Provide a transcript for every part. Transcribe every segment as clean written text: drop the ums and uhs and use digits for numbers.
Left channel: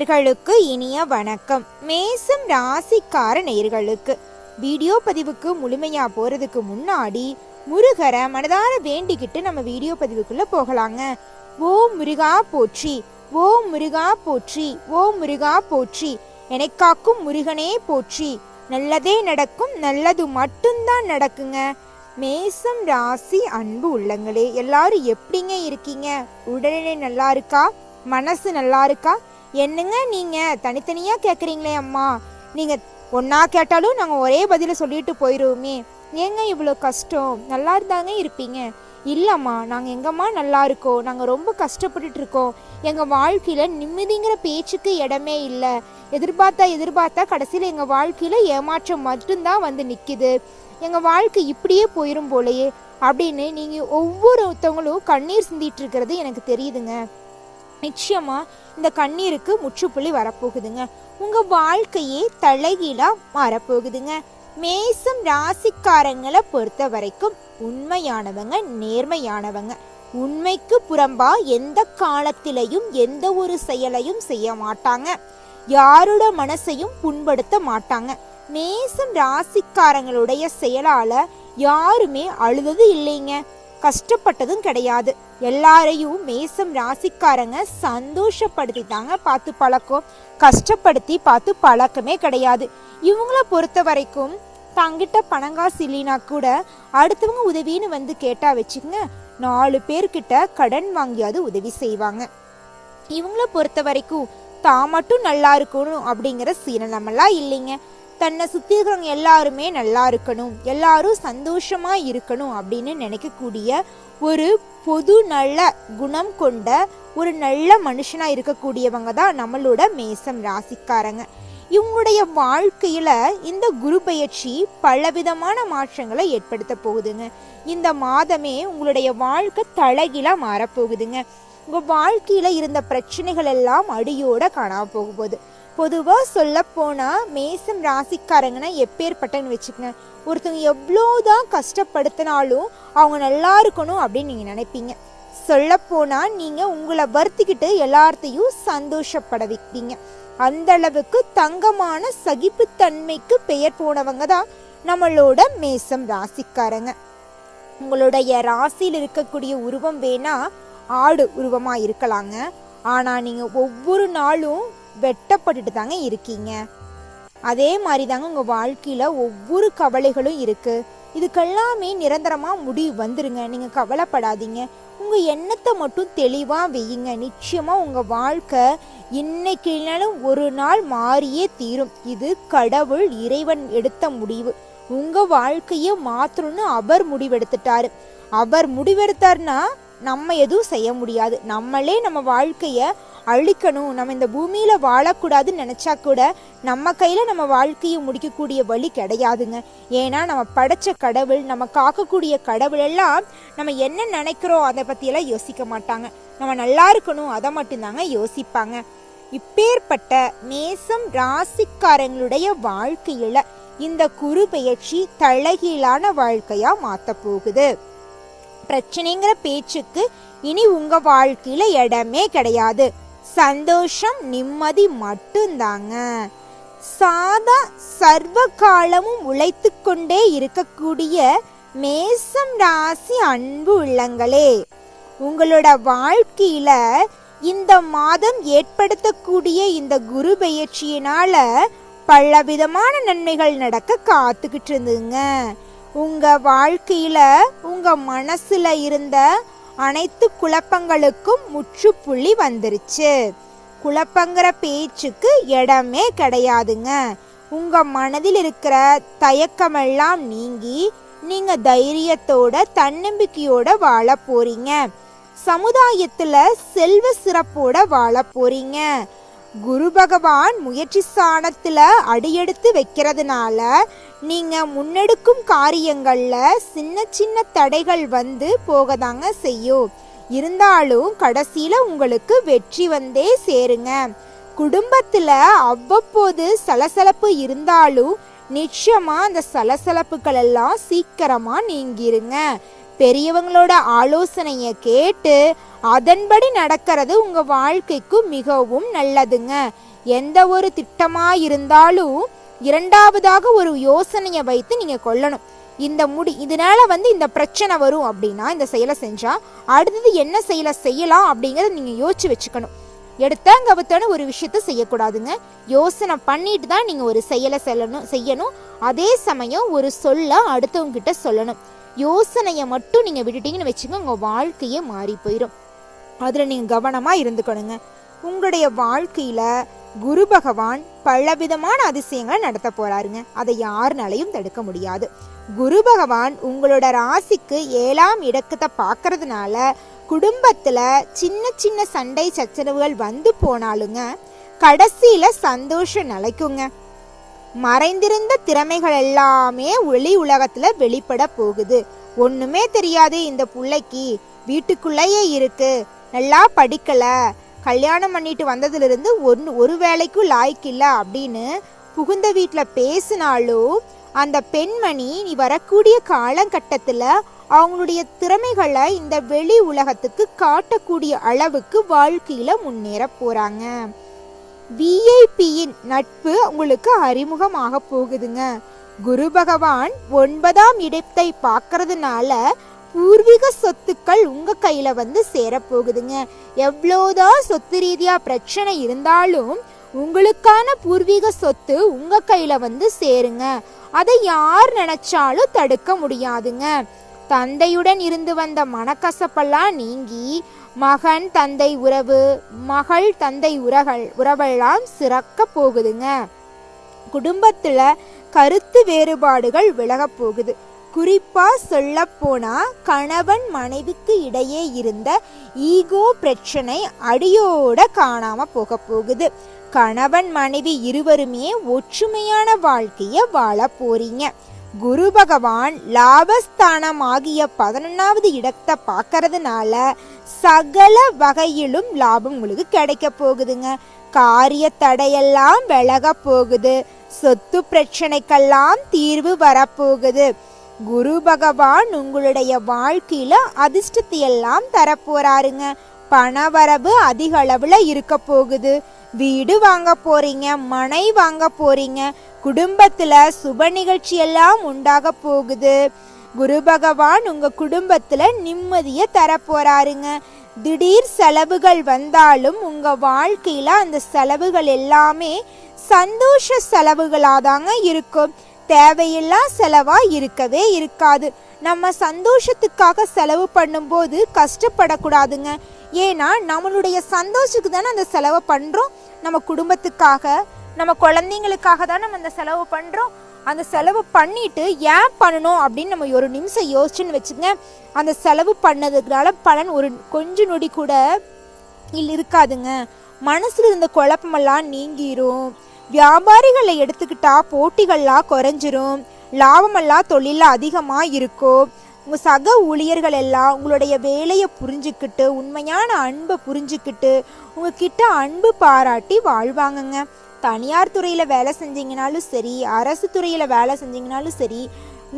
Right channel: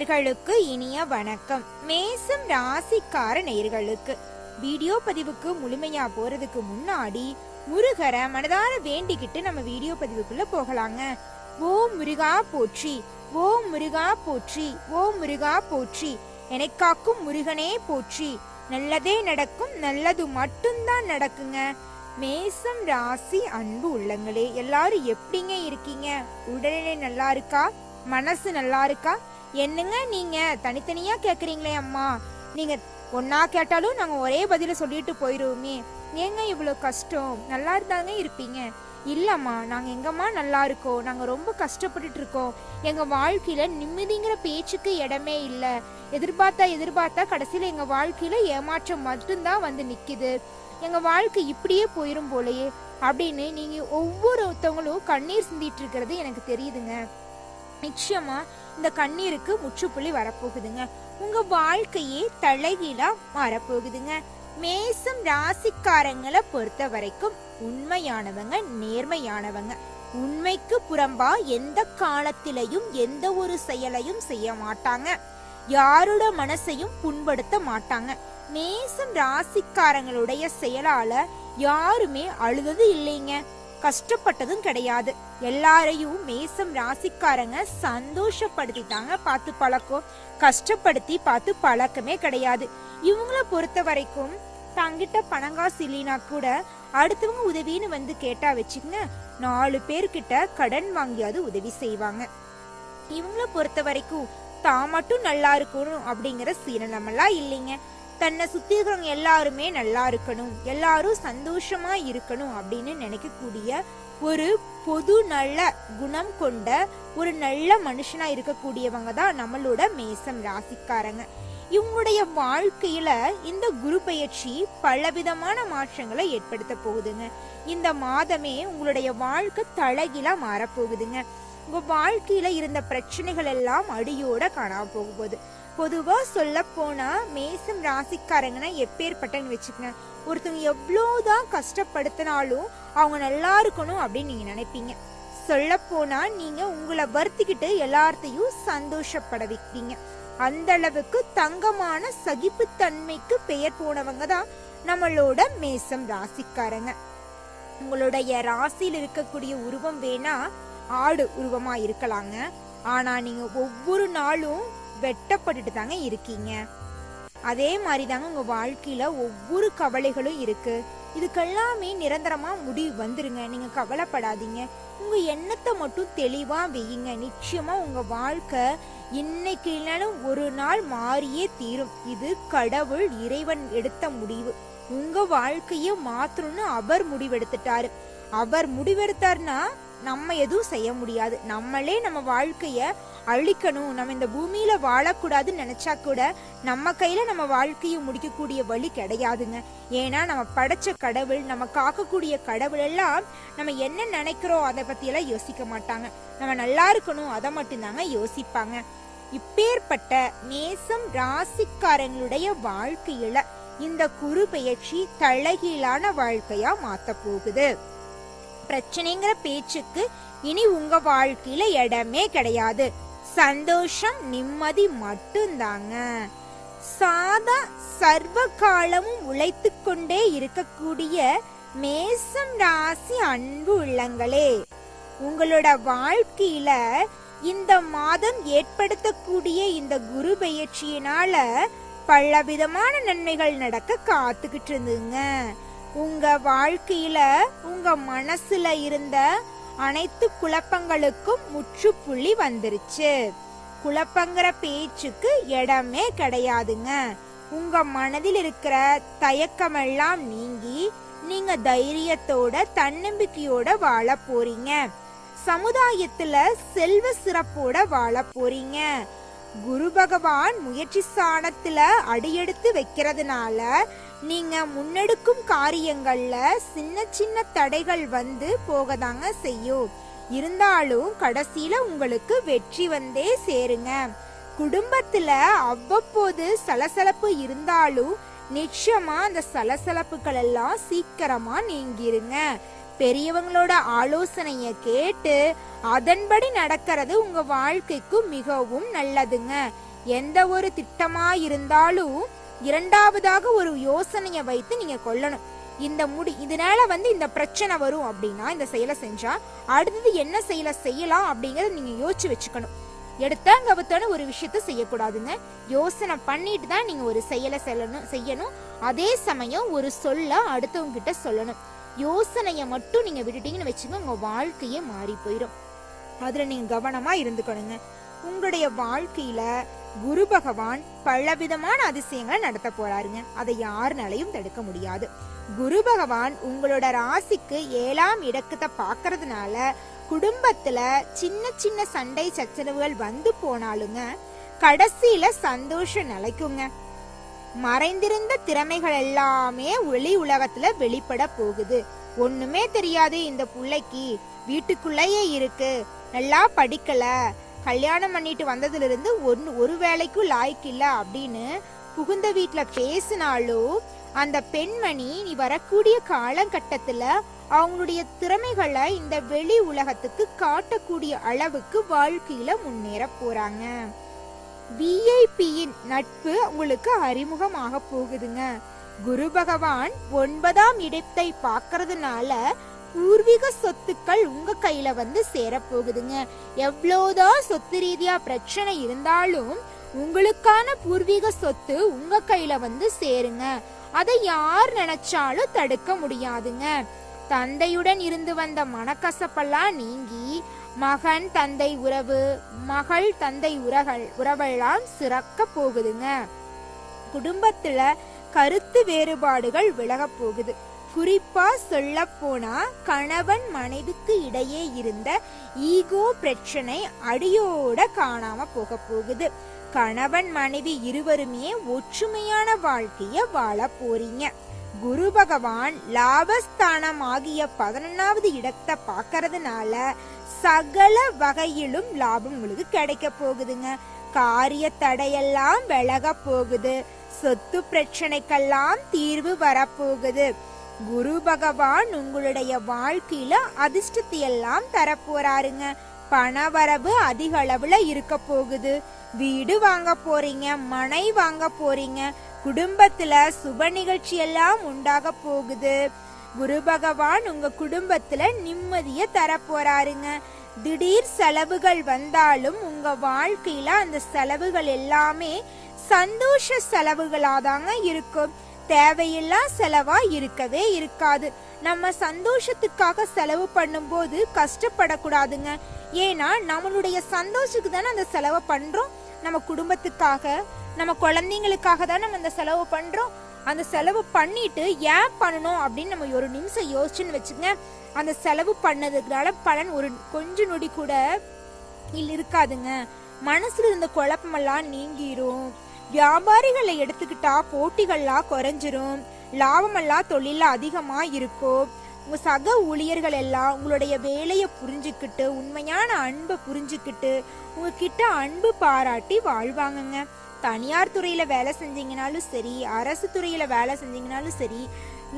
நேயர்களுக்கு இனிய வணக்கம். மேசம் ராசிக்கார நேயர்களுக்கு வீடியோ பதிவுக்கு முழுமையா போறதுக்கு முன்னாடி முருகரை மனதார வேண்டிக்கிட்டு நம்ம வீடியோ பதிவுக்குள்ள போகலாங்க. ஓம் முருகா போற்றி, ஓம் முருகா போற்றி, ஓம் முருகா போற்றி, என்னை காக்கும் முருகனே போற்றி. நல்லதே நடக்கும், நல்லது மட்டும்தான் நடக்குங்க. மேசம் ராசி அன்பு உள்ளங்களே, எல்லாரும் எப்படிங்க இருக்கீங்க? உடல்நிலை நல்லா இருக்கா? மனசு நல்லா இருக்கா? என்னங்க நீங்க தனித்தனியா கேக்குறீங்களே அம்மா, நீங்க ஒன்னா கேட்டாலும் நாங்க ஒரே பதில சொல்லிட்டு போயிருவோமே, ஏங்க இவ்வளவு கஷ்டம்? நல்லா இருந்தாங்க இருப்பீங்க. இல்லம்மா, நாங்க எங்கம்மா நல்லா இருக்கோம், நாங்க ரொம்ப கஷ்டப்பட்டுட்டு இருக்கோம், எங்க வாழ்க்கையில நிம்மதிங்கிற பேச்சுக்கு இடமே இல்லை, எதிர்பார்த்தா கடைசியில எங்க வாழ்க்கையில ஏமாற்றம் மட்டும்தான் வந்து நிக்குது, எங்க வாழ்க்கை இப்படியே போயிரும் போலயே அப்படின்னு நீங்க ஒவ்வொருத்தவங்களும் கண்ணீர் சிந்திட்டு இருக்கிறது எனக்கு தெரியுதுங்க. நிச்சயமா இந்த கண்ணீருக்கு முற்றுப்புள்ளி வரப்போகுதுங்க. உங்க வாழ்க்கையே தலைகீழா மாறப்போகுதுங்க. மேசம் ராசிக்காரங்களை பொறுத்த வரைக்கும் உண்மையானவங்க, நேர்மையானவங்க. உண்மைக்கு புறம்பா எந்த காலத்திலையும் எந்த ஒரு செயலையும் செய்ய மாட்டாங்க. யாரோட மனசையும் புண்படுத்த மாட்டாங்க. மேசம் ராசிக்காரங்களுடைய செயலால யாருமே அழுதது இல்லைங்க, கஷ்டப்பட்டதும் கிடையாது. எல்லாரையும் மேசம் ராசிக்காரங்க சந்தோஷப்படுத்தி தாங்க பார்த்து பழக்கம், கஷ்டப்படுத்தி பார்த்து பழக்கமே கிடையாது. இவங்கள பொறுத்த வரைக்கும் தங்கிட்ட பணங்காசு இல்லைனா கூட அடுத்தவங்க உதவின்னு வந்து கேட்டா வச்சுக்கங்க, 4 பேர்கிட்ட கடன் வாங்கியாவது உதவி செய்வாங்க. இவங்கள பொறுத்த வரைக்கும் தான் மட்டும் நல்லா இருக்கணும் அப்படிங்கிற சீனமெல்லாம் இல்லைங்க. தன்னை சுத்தி இருக்கிறவங்க எல்லாருமே நல்லா இருக்கணும், எல்லாரும் சந்தோஷமா இருக்கணும் அப்படின்னு நினைக்கக்கூடிய ஒரு பொது நல்ல குணம் கொண்ட ஒரு நல்ல மனுஷனா இருக்கக்கூடியவங்க தான் நம்மளோட மேசம் ராசிக்காரங்க. இவங்களுடைய வாழ்க்கையில இந்த குரு பயிற்சி பலவிதமான மாற்றங்களை ஏற்படுத்த போகுதுங்க. இந்த மாதமே உங்களுடைய வாழ்க்கை தலைகீழா மாறப்போகுதுங்க. உங்க வாழ்க்கையில இருந்த பிரச்சனைகள் எல்லாம் அடியோட காணாம போக போகுது. பொதுவா சொல்ல போனா மேசம் ராசிக்காரங்கன்னா எப்பேற்பட்டன்னு வச்சுக்கங்க, ஒருத்தவங்க எவ்வளோதான் கஷ்டப்படுத்தினாலும் அவங்க நல்லா இருக்கணும் அப்படின்னு நீங்க நினைப்பீங்க. சொல்ல போனா நீங்க உங்களை வருத்திக்கிட்டு எல்லார்த்தையும் சந்தோஷப்பட வைப்பீங்க. அந்த அளவுக்கு தங்கமான சகிப்புத்தன்மைக்கு பெயர் போனவங்க தான் நம்மளோட மேசம் ராசிக்காரங்க. உங்களுடைய ராசியில் இருக்கக்கூடிய உருவம் வேணா ஆடு உருவமா இருக்கலாங்க, ஆனா நீங்க ஒவ்வொரு நாளும் வெட்டப்பட்டுட்டு தாங்க இருக்கீங்க. அதே மாதிரி தாங்க உங்க வாழ்க்கையில ஒவ்வொரு கவலைகளும் இருக்கு. இதுக்கெல்லாமே நிரந்தரமா முடிவு வந்துருங்க, நீங்க கவலைப்படாதீங்க. உங்க எண்ணத்தை மட்டும் தெளிவா வையுங்க. நிச்சயமா உங்க வாழ்க்கை இன்னைக்கு இல்லைனாலும் ஒரு நாள் மாறியே தீரும். இது கடவுள் இறைவன் எடுத்த முடிவு. உங்க வாழ்க்கைய மாற்றணும்னு அவர் முடிவெடுத்துட்டாரு. அவர் முடிவெடுத்தாருன்னா நம்ம எதுவும் செய்ய முடியாது. நம்மளே நம்ம வாழ்க்கைய அழிக்கணும், நம்ம இந்த பூமியில வாழக்கூடாதுன்னு நினைச்சா கூட நம்ம கையில நம்ம வாழ்க்கையை முடிக்கக்கூடிய வழி கிடையாதுங்க. ஏன்னா நம்ம படைச்ச கடவுள், நம்ம காக்கக்கூடிய கடவுள் எல்லாம் நம்ம என்ன நினைக்கிறோம் அதை பத்தி எல்லாம் யோசிக்க மாட்டாங்க. நம்ம நல்லா இருக்கணும் அதை மட்டும்தாங்க யோசிப்பாங்க. இப்பேற்பட்ட மேசம் ராசிக்காரங்களுடைய வாழ்க்கையில இந்த குரு பெயர்ச்சி தலைகீழான வாழ்க்கையா மாத்த போகுது. பிரச்சனைங்கிற பேச்சுக்கு இனி உங்க வாழ்க்கையில இடமே கிடையாது. சந்தோஷம், நிம்மதி மட்டும்தாங்க. சாதா சர்வ காலமும் உழைத்து கொண்டே இருக்கக்கூடிய மேசம் ராசி அன்பு உள்ளங்களே, உங்களோட வாழ்க்கையில இந்த மாதம் ஏற்படுத்தக்கூடிய இந்த குரு பெயர்ச்சியினால பலவிதமான நன்மைகள் நடக்க காத்துக்கிட்டு இருந்துங்க. உங்க வாழ்க்கையில உங்க மனசுல இருந்த அனைத்து குழப்பங்களுக்கும் முற்றுப்புள்ளி வந்துருச்சு. குழப்பங்கிற பேச்சுக்கு இடமே கிடையாதுங்க. உங்க மனதில் இருக்கிற தயக்கமெல்லாம் நீங்கி நீங்க தைரியத்தோட தன்னம்பிக்கையோட வாழ போறீங்க. சமுதாயத்துல செல்வ சிறப்போட வாழ போறீங்க. குரு பகவான் முயற்சி ஸ்தானத்துல அடியெடுத்து வைக்கிறதுனால நீங்க முன்னெடுக்கும் காரியங்கள்ல சின்ன சின்ன தடைகள் வந்து போகதாங்க செய்யும். இருந்தாலும் கடைசியில உங்களுக்கு வெற்றி வந்தே சேருங்க. குடும்பத்துல அவ்வப்போது சலசலப்பு இருந்தாலும் நிச்சயமா அந்த சலசலப்புகள் எல்லாம் சீக்கிரமா நீங்கிருங்க. பெரியவங்களோட ஆலோசனைய கேட்டு அதன்படி நடக்கிறது உங்க வாழ்க்கைக்கு மிகவும் நல்லதுங்க. எந்த ஒரு திட்டமா இருந்தாலும் இரண்டாவதாக ஒரு யோசனையை வைத்து நீங்க கொள்ளணும். இதனால இந்த பிரச்சனை வரும் அப்படின்னா இந்த செயலை செஞ்சா அடுத்தது என்ன செயலை செய்யலாம் அப்படிங்கறத நீங்க யோசிச்சு வச்சுக்கணும். எடுத்தங்கவத்தான ஒரு விஷயத்த செய்யக்கூடாதுங்க. யோசனை பண்ணிட்டு தான் நீங்க ஒரு செயலை செய்யணும். அதே சமயம் ஒரு சொல்ல அடுத்தவங்க கிட்ட சொல்லணும். யோசனையை மட்டும் நீங்க விட்டுட்டீங்கன்னு வச்சுக்கோங்க, உங்க வாழ்க்கையே மாறி போயிடும். அதுல நீங்க கவனமா இருந்துக்கணுங்க. உங்களுடைய வாழ்க்கையில குரு பகவான் பலவிதமான அதிசயங்களை நடத்த போறாருங்க. அதை யாருனாலையும் தடுக்க முடியாது. குரு பகவான் உங்களோட ராசிக்கு 7ஆம் இடத்தை பாக்குறதுனால குடும்பத்துல சின்ன சின்ன சண்டை சச்சரவுகள் வந்து போனாலுங்க கடைசியில சந்தோஷம் நிலைக்குங்க. மறைந்திருந்த திறமைகள் எல்லாமே ஒளி உலகத்துல வெளிப்பட போகுது. ஒண்ணுமே தெரியாது இந்த பிள்ளைக்கு, வீட்டுக்குள்ளேயே இருக்கு, நல்லா படிக்கல, கல்யாணம் பண்ணிட்டு வந்ததுல இருந்து ஒரு வேலைக்கும் லாய்க்கு இல்ல அப்படின்னு புகுந்த வீட்டுல பேசினாலும் அந்த பெண்மணி நீ வரக்கூடிய காலகட்டத்துல அவங்களுடைய திறமைகளை இந்த வெளி உலகத்துக்கு காட்டக்கூடிய அளவுக்கு வாழ்க்கையில முன்னேற போறாங்க. விஐபியின் நட்பு உங்களுக்கு அறிமுகமாக போகுதுங்க. குரு பகவான் 9ஆம் இடத்தை பார்க்கறதுனால பூர்வீக சொத்துக்கள் உங்க கையில சேரப்போகுதுங்க. எவ்வளோதான் சொத்து ரீதியா பிரச்சனை இருந்தாலும் உங்களுக்கான பூர்வீக சொத்து உங்க கையில சேருங்க. அதை யார் நினைச்சாலும் தடுக்க முடியாதுங்க. தந்தையுடன் இருந்து வந்த மனக்கசப்பெல்லாம் நீங்கி மகன் தந்தை உறவு, மகள் தந்தை உறவெல்லாம் சிறக்க போகுதுங்க. குடும்பத்துல கருத்து வேறுபாடுகள் விலக போகுது. குறிப்பா சொல்ல போனா கணவன் மனைவிக்கு இடையே இருந்த ஈகோ பிரச்சனை அடியோட காணாம போக போகுது. கணவன் மனைவி இருவருமே ஒற்றுமையான வாழ்க்கைய வாழ போறீங்க. குரு பகவான் லாபஸ்தானம் ஆகிய 11வது இடத்தை பார்க்கறதுனால சகல வகையிலும் லாபம் உங்களுக்கு கிடைக்க போகுதுங்க. காரிய தடையெல்லாம் விலக போகுது. சொத்து பிரச்சனைக்கெல்லாம் தீர்வு வரப்போகுது. குரு பகவான் உங்களுடைய வாழ்க்கையில அதிர்ஷ்டத்தை எல்லாம் தரப்போறாருங்க. பணவரவு அதிக அளவுல இருக்க போகுது. வீடு வாங்க போறீங்க, மனை வாங்க போறீங்க. குடும்பத்துல சுப நிகழ்ச்சி எல்லாம் உண்டாக போகுது. குரு பகவான் உங்க குடும்பத்துல நிம்மதிய தர போறாருங்க. திடீர் செலவுகள் வந்தாலும் உங்க வாழ்க்கையில அந்த செலவுகள் எல்லாமே சந்தோஷ செலவுகளாதாங்க இருக்கும். தேவையில்லா செலவா இருக்கவே இருக்காது. நம்ம சந்தோஷத்துக்காக செலவு பண்ணும்போது கஷ்டப்படக்கூடாதுங்க. ஏன்னா நம்மளுடைய சந்தோஷத்துக்கு தானே அந்த செலவை பண்றோம். நம்ம குடும்பத்துக்காக, நம்ம குழந்தைங்களுக்காக தான் நம்ம அந்த செலவு பண்றோம். அந்த செலவு பண்ணிட்டு ஏன் பண்ணணும் அப்படின்னு நம்ம ஒரு நிமிஷம் யோசிச்சுன்னு வச்சுங்க, அந்த செலவு பண்ணதுனால பலன் ஒரு கொஞ்ச நொடி கூட இருக்காதுங்க. மனசுல இருந்த குழப்பமெல்லாம் நீங்கிரும். வியாபாரிகளை எடுத்துக்கிட்டா போட்டிகள்லாம் குறைஞ்சிரும். லாபமெல்லாம் தொழில அதிகமா இருக்கும். உங்க சக ஊழியர்கள் எல்லாம் உங்களுடைய வேலையை புரிஞ்சுக்கிட்டு, உண்மையான அன்பை புரிஞ்சுக்கிட்டு உங்ககிட்ட அன்பு பாராட்டி வாழ்வாங்கங்க. தனியார் துறையில வேலை செஞ்சீங்கனாலும் சரி, அரசு துறையில வேலை செஞ்சீங்கனாலும் சரி,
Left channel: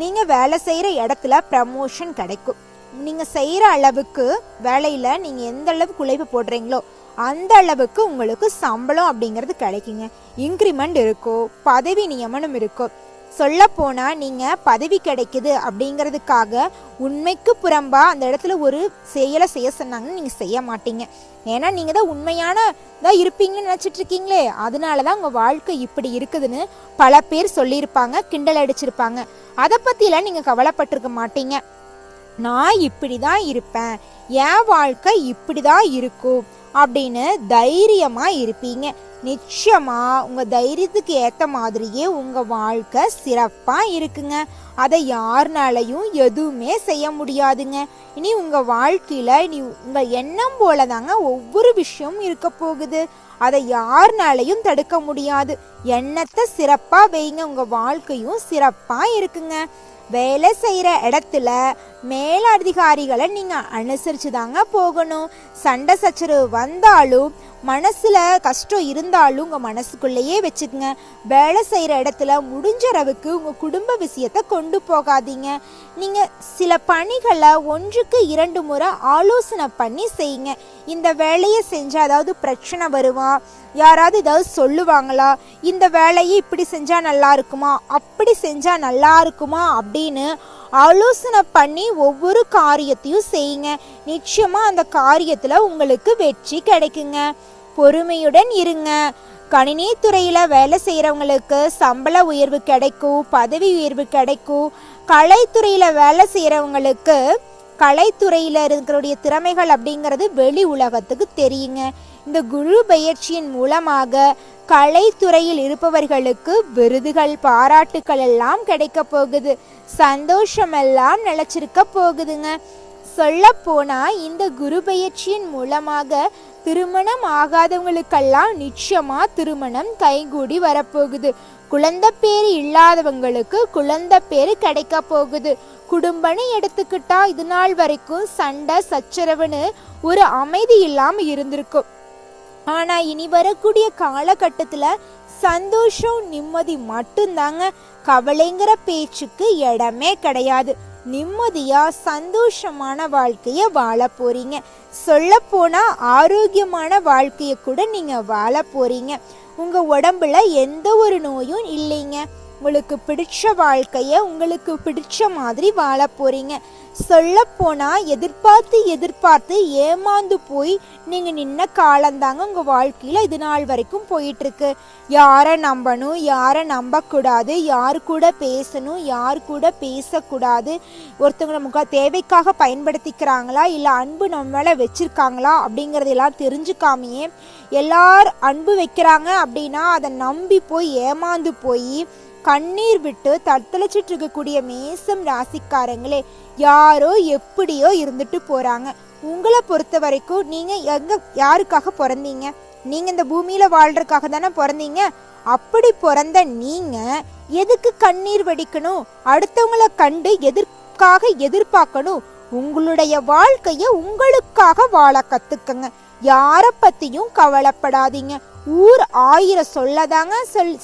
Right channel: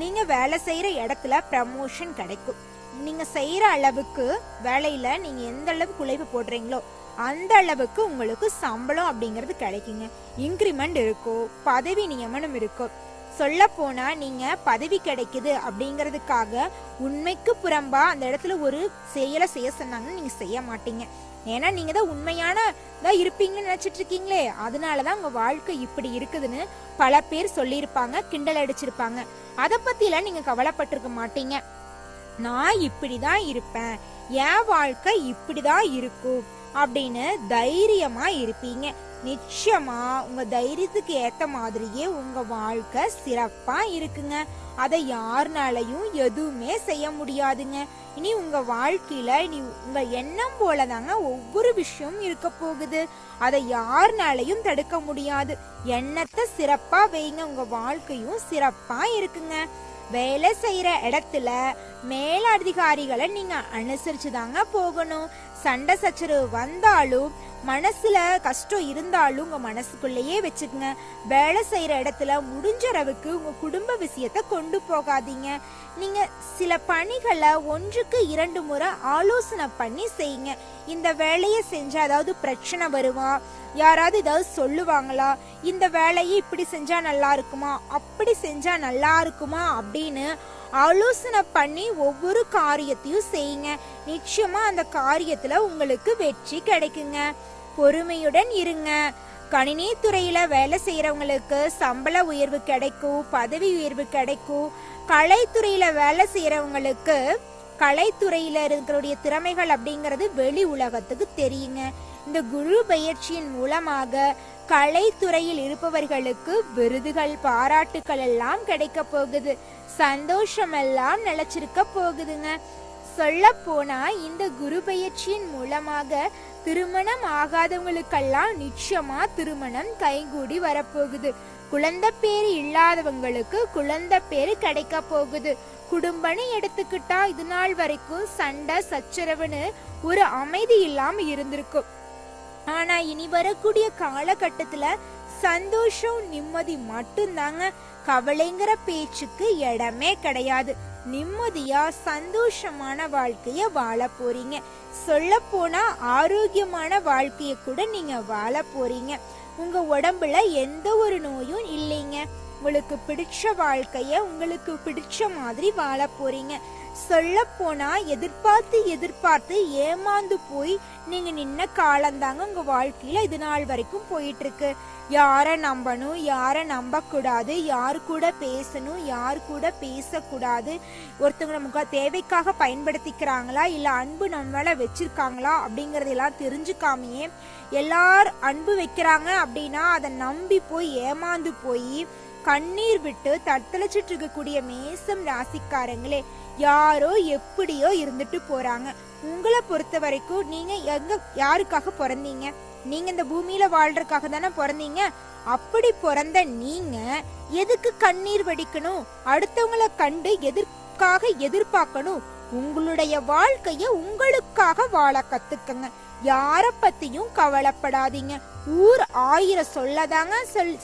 நீங்க வேலை செய்யற இடத்துல ப்ரமோஷன் கிடைக்கும். நீங்க செய்யற அளவுக்கு வேலையில நீங்க எந்த அளவுக்கு உழைப்பு போடுறீங்களோ அந்த அளவுக்கு உங்களுக்கு சம்பளம் அப்படிங்கிறது கிடைக்குங்க. இன்கிரிமெண்ட் இருக்கும், பதவி நியமனம் இருக்கும். சொல்ல போனா நீங்க பதவி கிடைக்குது அப்படிங்கிறதுக்காக உண்மைக்கு புறம்பா அந்த இடத்துல ஒரு செயலை செய்ய சொன்னாங்கன்னு நீங்க செய்ய மாட்டீங்க. ஏன்னா நீங்க தான் உண்மையான இருப்பீங்கன்னு நினைச்சிட்டு இருக்கீங்களே, அதனாலதான் உங்க வாழ்க்கை இப்படி இருக்குதுன்னு பல பேர் சொல்லியிருப்பாங்க, கிண்டல் அடிச்சிருப்பாங்க. அதை பத்திலாம் நீங்க கவலைப்பட்டிருக்க மாட்டீங்க. நான் இப்படிதான் இருப்பேன், என் வாழ்க்கை இப்படிதான் இருக்கும் அப்படின்னு தைரியமா இருப்பீங்க. நிச்சயமா உங்க தைரியத்துக்கு ஏத்த மாதிரியே உங்க வாழ்க்கை சிறப்பா இருக்குங்க. அதை யாருனாலையும் எதுவுமே செய்ய முடியாதுங்க. இனி உங்க வாழ்க்கையில இனி உங்க எண்ணம் போலதாங்க ஒவ்வொரு விஷயமும் இருக்க போகுது. அதை யாருனாலையும் தடுக்க முடியாது. எண்ணத்தை சிறப்பா வைங்க, உங்க வாழ்க்கையும் சிறப்பா இருக்குங்க. வேலை செய்யற இடத்துல மேலதிகாரிகளை நீங்க அனுசரிச்சு தாங்க போகணும். சண்டை சச்சரவு வந்தாலும் மனசுல கஷ்டம் இருந்தாலும் உங்க மனசுக்குள்ளேயே வச்சுக்கங்க. வேலை செய்யற இடத்துல முடிஞ்ச அளவுக்கு உங்க குடும்ப விஷயத்த கொண்டு போகாதீங்க. நீங்க சில பணிகளை 1க்கு 2 முறை ஆலோசனை பண்ணி செய்யுங்க. இந்த வேலையை செஞ்சா அதாவது பிரச்சனை வருமா, யாராவது ஏதாவது சொல்லுவாங்களா, இந்த வேலையை இப்படி செஞ்சா நல்லா இருக்குமா, அப்படி செஞ்சா நல்லா இருக்குமா அப்படின்னு ஆலோசனை பண்ணி ஒவ்வொரு காரியத்தையும் செய்யுங்க. நிச்சயமா அந்த காரியத்துல உங்களுக்கு வெற்றி கிடைக்குங்க. பொறுமையுடன் இருங்க. கணினி துறையில வேலை செய்யறவங்களுக்கு சம்பள உயர்வு கிடைக்கும், பதவி உயர்வு கிடைக்கும். கலைத்துறையில வேலை செய்யறவங்களுக்கு கலைத்துறையில இருக்கிற திறமைகள் அப்படிங்கிறது வெளி உலகத்துக்கு தெரியுங்க. இந்த குரு பயிற்சியின் மூலமாக கலைத்துறையில் இருப்பவர்களுக்கு விருதுகள், பாராட்டுக்கள் எல்லாம் கிடைக்க போகுது. சந்தோஷம் எல்லாம் நிலைச்சிருக்க போகுதுங்க. சொல்ல போனா இந்த குரு பயிற்சியின் மூலமாக திருமணம் ஆகாதவங்களுக்கெல்லாம் நிச்சயமா திருமணம் கைகூடி வரப்போகுது. குழந்தை பேரு இல்லாதவங்களுக்கு குழந்தை பேரு கிடைக்க போகுது. குடும்பம்னு எடுத்துக்கிட்டா இது நாள் வரைக்கும் சண்டை சச்சரவுன்னு ஒரு அமைதி இல்லாம இருந்திருக்கும். ஆனா இனி வரக்கூடிய காலகட்டத்துல சந்தோஷம் நிம்மதி மட்டும்தாங்க. கவலைங்கிற பேச்சுக்கு இடமே கிடையாது. நிம்மதியா சந்தோஷமான வாழ்க்கைய வாழ போறீங்க. சொல்ல போனா ஆரோக்கியமான வாழ்க்கைய கூட நீங்க வாழ போறீங்க. உங்க உடம்புல எந்த ஒரு நோயும் இல்லைங்க. உங்களுக்கு பிடிச்ச வாழ்க்கைய உங்களுக்கு பிடிச்ச மாதிரி வாழ போறீங்க. சொல்ல போனா எதிர்பார்த்து ஏமாந்து போய் நீங்க நின்ன காலந்தாங்க உங்க வாழ்க்கையில இது நாள் வரைக்கும் போயிட்டு இருக்கு. யாரை நம்பணும், யாரை நம்ப கூடாது, யாரு கூட பேசணும், யாரு கூட பேசக்கூடாது, ஒருத்தவங்க நமக்கு தேவைக்காக பயன்படுத்திக்கிறாங்களா இல்ல அன்பு நம்ம மேல வச்சிருக்காங்களா அப்படிங்கறதெல்லாம் தெரிஞ்சுக்காமையே எல்லாரும் அன்பு வைக்கிறாங்க அப்படின்னா அதை நம்பி போய் ஏமாந்து போய் கண்ணீர் விட்டு தத்தளிச்சிட்டு இருக்கக்கூடிய மேசம் ராசிக்காரங்களே, யாரோ எப்படியோ இருந்துட்டு போறாங்க. உங்களை பொறுத்த வரைக்கும் நீங்க யாருக்காக பிறந்தீங்க? நீங்க இந்த பூமியில வாழ்றதுக்காக தானே பிறந்தீங்க. அப்படி பிறந்த நீங்க எதுக்கு கண்ணீர் வடிக்கணும்? அடுத்தவங்களை கண்டு எதிர்பார்க்கணும்? உங்களுடைய வாழ்க்கைய உங்களுக்காக வாழ கத்துக்கங்க. யார பத்தியும் கவலைப்படாதீங்க. ஊர் 1000 சொல்லதாங்க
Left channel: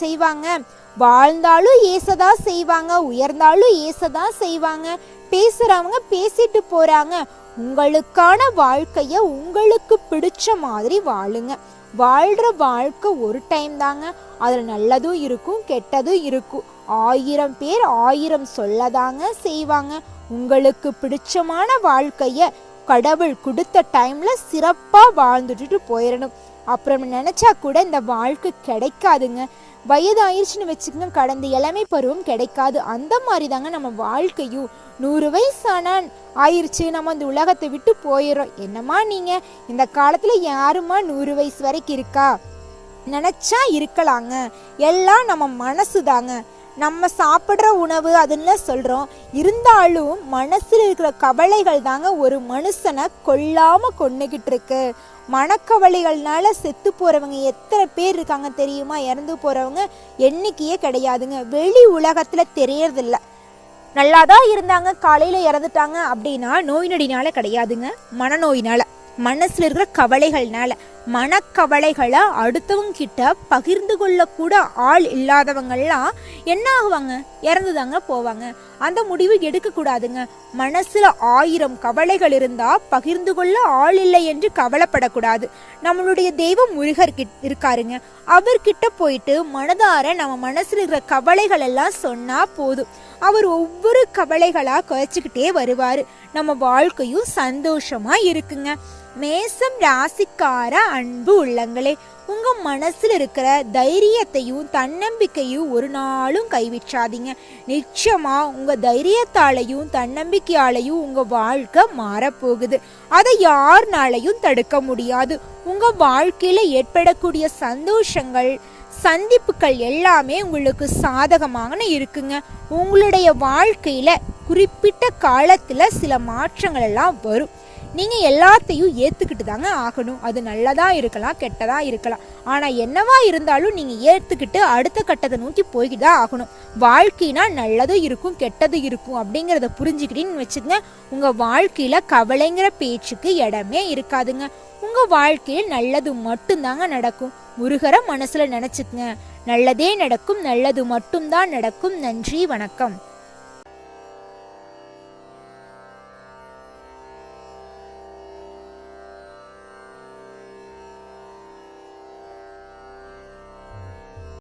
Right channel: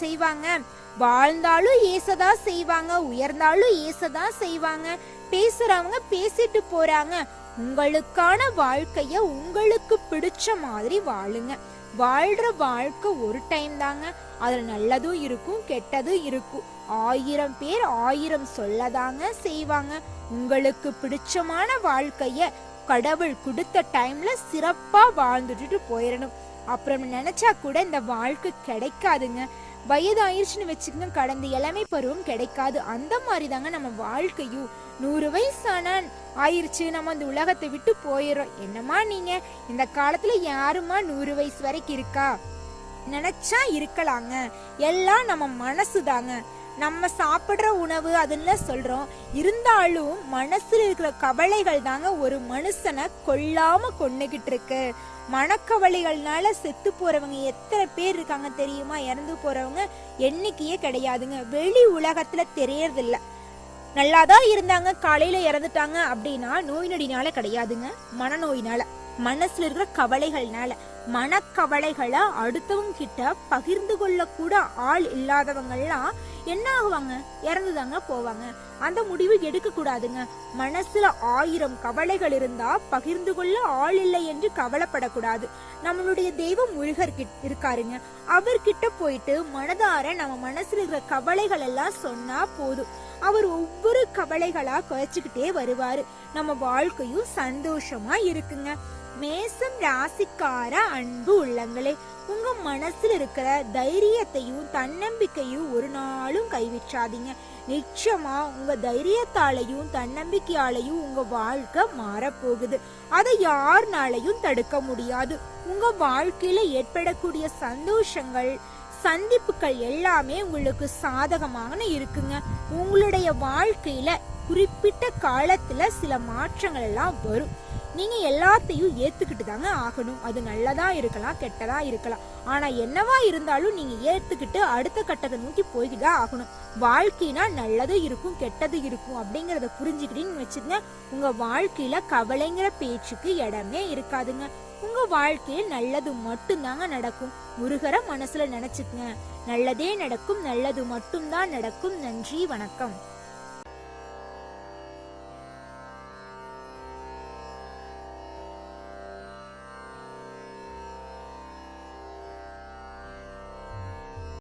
செய்வாங்க. வாழ்ந்தாலும் ஏசதா செய்வாங்க, உயர்ந்தாலும் ஏசதா செய்வாங்க. பேசுறவங்க பேசிட்டு போறாங்க. உங்களுக்கான வாழ்க்கைய உங்களுக்கு பிடிச்ச மாதிரி வாழுங்க. வாழ்ற வாழ்க்கை ஒரு டைம் தாங்க. அதுல நல்லதும் இருக்கும், கெட்டதும் இருக்கும். 1000 பேர் 1000 சொல்லதாங்க செய்வாங்க. உங்களுக்கு பிடிச்சமான வாழ்க்கைய கடவுள் கொடுத்த டைம்ல சிறப்பா வாழ்ந்துட்டு போயிடணும். அப்புறம் நினைச்சா கூட இந்த வாழ்க்கை கிடைக்காதுங்க. வயதாயிருச்சுன்னு வச்சுக்கோங்க, கடந்த இளமை பருவம் கிடைக்காது. அந்த மாதிரி தாங்க நம்ம வாழ்க்கையும். 100 வயசான ஆயிருச்சு, நம்ம அந்த உலகத்தை விட்டு போயிடுறோம். என்னம்மா நீங்க இந்த காலத்துல யாருமா 100 வயசு வரைக்கும் இருக்கா? நினைச்சா இருக்கலாங்க. எல்லாம் நம்ம மனசு தாங்க. நம்ம சாப்பிட்ற உணவு அதுன்னு சொல்றோம். இருந்தாலும் மனசுல இருக்கிற கவலைகள் தாங்க ஒரு மனுஷனை கொல்லாம கொன்னுகிட்டு இருக்கு. மனக்கவலைகள்னால செத்து போறவங்க எத்தனை பேர் இருக்காங்க தெரியுமா? இறந்து போறவங்க எண்ணிக்கையே கிடையாதுங்க. வெளி உலகத்துல தெரியறதில்ல. நல்லாதான் இருந்தாங்க, காலையில இறந்துட்டாங்க அப்படின்னா நோய் நொடினால கிடையாதுங்க, மனநோயினால, மனசுல இருக்கிற கவலைகள்னால. மனக்கவலைகளை அடுத்தவங்க கிட்ட பகிர்ந்து கொள்ள கூட ஆள் இல்லாதவங்கெல்லாம் என்ன ஆகுவாங்க? இறந்துதாங்க போவாங்க. அந்த முடிவு எடுக்க கூடாதுங்க. மனசுல 1000 கவலைகள் இருந்தா பகிர்ந்து கொள்ள ஆள் இல்லை என்று கவலைப்படக்கூடாது. நம்மளுடைய தெய்வம் முருகர் இருக்காருங்க. அவர்கிட்ட போயிட்டு மனதார நம்ம மனசுல இருக்கிற கவலைகள் எல்லாம் சொன்னா போதும். அவர் ஒவ்வொரு கவலைகளா குறைச்சிக்கிட்டே வருவாரு. நம்ம வாழ்க்கையும் சந்தோஷமா இருக்குங்க. மேசம் ராசிக்கார அன்பு உள்ளங்களே, உங்க மனசுல இருக்கிற தைரியத்தையும் தன்னம்பிக்கையும் ஒரு நாளும் கைவிட்றாதீங்க. நிச்சயமா உங்க தைரியத்தாலையும் தன்னம்பிக்கையாலையும் உங்க வாழ்க்கை மாறப்போகுது. அதை யாருனாலையும் தடுக்க முடியாது. உங்க வாழ்க்கையில ஏற்படக்கூடிய சந்தோஷங்கள் சந்திப்புகள் எல்லாமே உங்களுக்கு சாதகமாக இருக்குங்க. உங்களுடைய வாழ்க்கையில குறிப்பிட்ட காலத்துல சில மாற்றங்கள் எல்லாம் வரும். நீங்க எல்லாத்தையும் ஏத்துக்கிட்டு தாங்க ஆகணும். அது நல்லதா இருக்கலாம், கெட்டதா இருக்கலாம். ஆனா என்னவா இருந்தாலும் நீங்க ஏத்துக்கிட்டு அடுத்த கட்டத்தை நோக்கி போய்கிட்டு தான் ஆகணும். வாழ்க்கைனா நல்லதும் இருக்கும், கெட்டதும் இருக்கும் அப்படிங்கிறத புரிஞ்சுக்கிட்டீங்கன்னு வச்சுக்கங்க, உங்க வாழ்க்கையில கவலைங்கிற பேச்சுக்கு இடமே இருக்காதுங்க. உங்க வாழ்க்கையில நல்லது மட்டும்தாங்க நடக்கும். முருகரை மனசுல நினைச்சுக்கங்க. நல்லதே நடக்கும், நல்லது மட்டும்தான் நடக்கும். நன்றி, வணக்கம்.